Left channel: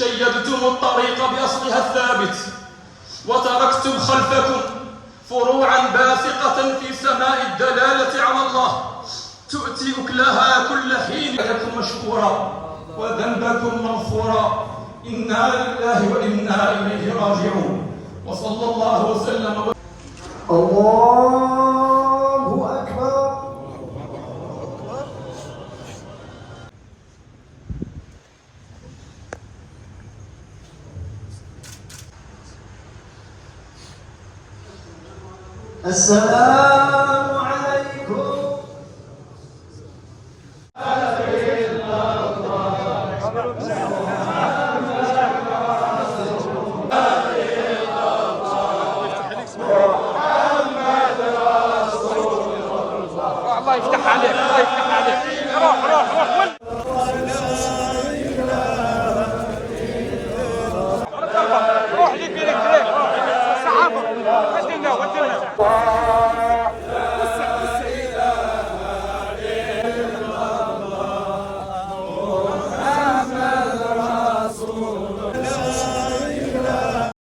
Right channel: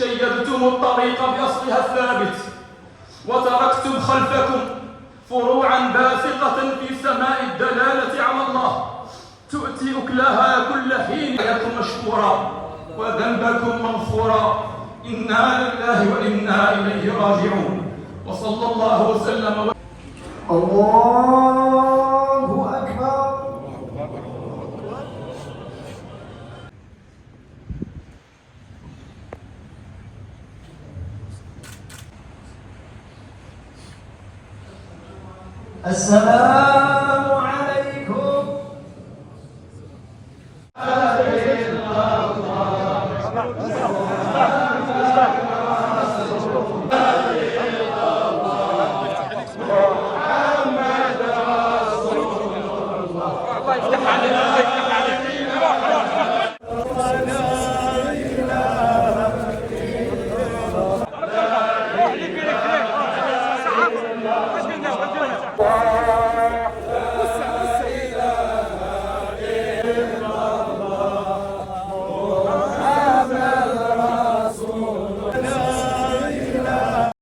شيدتم الطريق بأصلها الثابت، وتركتم خلفكم فروعا باسقة في سماء الدلالة على الله تؤتي أكلها كل حين. لكم مشكورا وذنبكم مغفورا، إنا لله وإنا إليه راجعون. وصلى الله وسلم. الله أكبر. السلام